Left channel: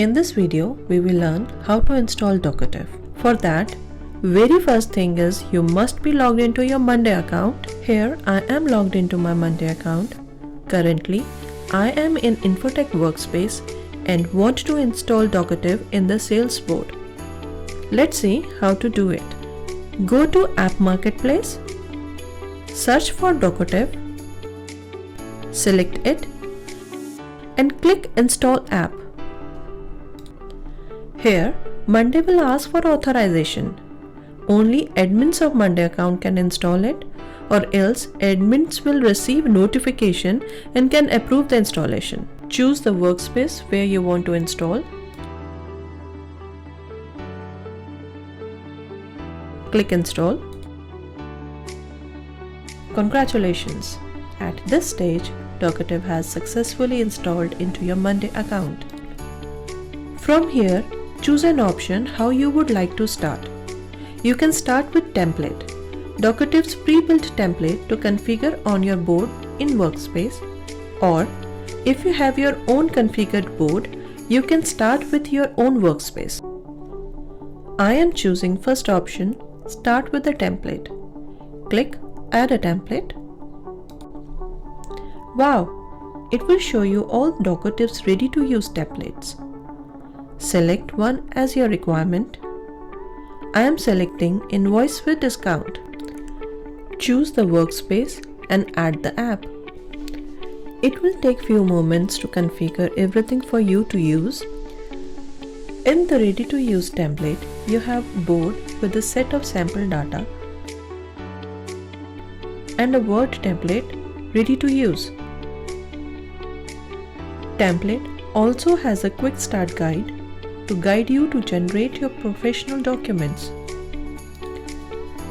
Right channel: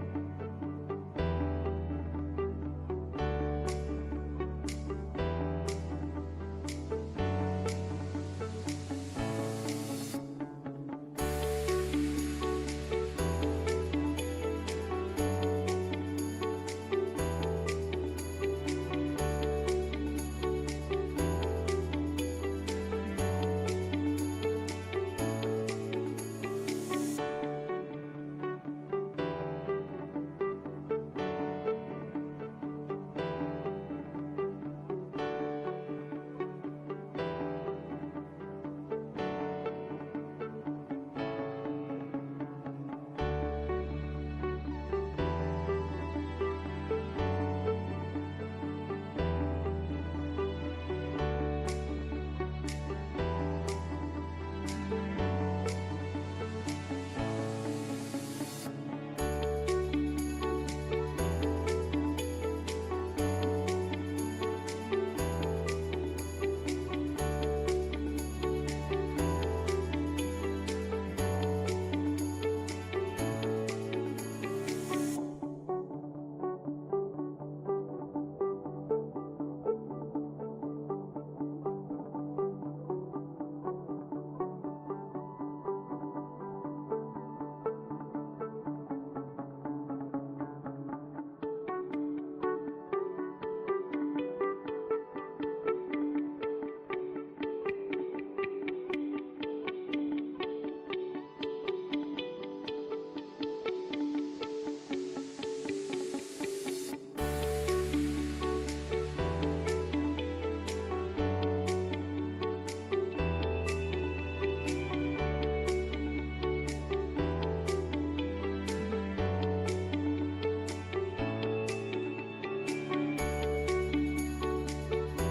In this video, we will learn how to install docotive. For that, very first thing is you must be logged into your Monday account. Here I am logged into my Monday account. Currently, I am in Infotech workspace and want to install docotive in the sales board. Let's see how to do it. Go to App Marketplace, search for docotive, select it and click Install App. Here, Monday will ask for authorization. Only admins of Monday account can install it, or else admins will receive notification and can approve the installation. Choose the workspace where you want to install. Click Install. Congratulations! At this stage, docotive has successfully installed into your Monday account. From here, choose an option how you would like to start. You can start with template. Docutive's pre-built template to configure on your board in Workspace, or if you have your own configured board, you can start with your own workspace. I am choosing first option, start with the template. Click Add a template. Wow! It will show you all docutive's ready-to-use templates. Select one as your requirement. I am selecting Invoice with Discount. Choose the workspace and add the app. It will take few moments to configure everything for you to use. In the ready-to-use template, you have board with a set of sample data and a Word template ready to use. Template also has a quick start guide to guide you to generate your professional documents.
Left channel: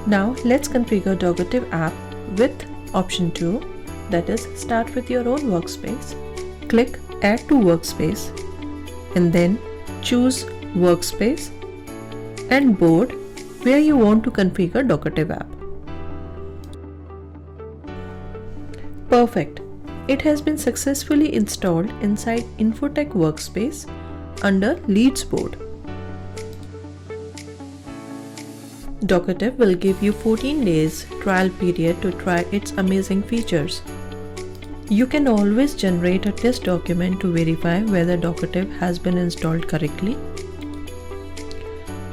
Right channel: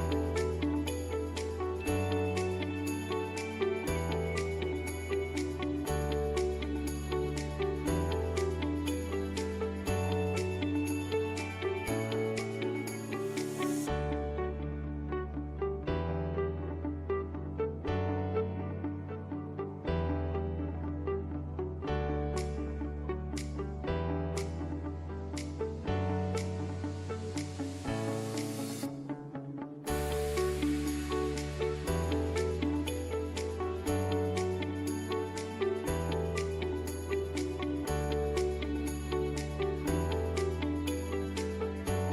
Now let's configure docotive app with option 2, that is start with your own workspace. Click Add to Workspace and then choose Workspace and Board where you want to configure docotive app. Perfect! It has been successfully installed inside Infotech workspace under Leads board. Docotive will give you 14 days trial period to try its amazing features. You can always generate a test document to verify whether docotive has been installed correctly.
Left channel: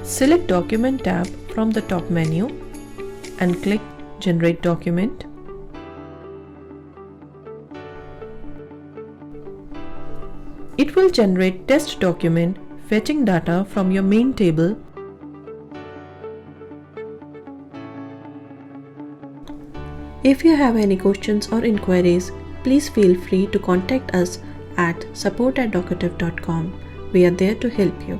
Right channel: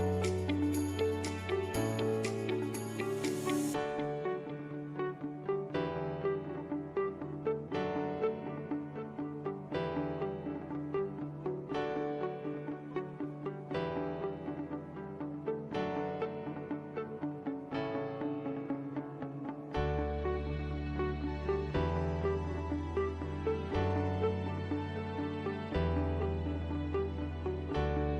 Select Document tab from the top menu and click Generate Document. It will generate test document fetching data from your main table. If you have any questions or inquiries, please feel free to contact us at support@docotive.com. We are there to help you.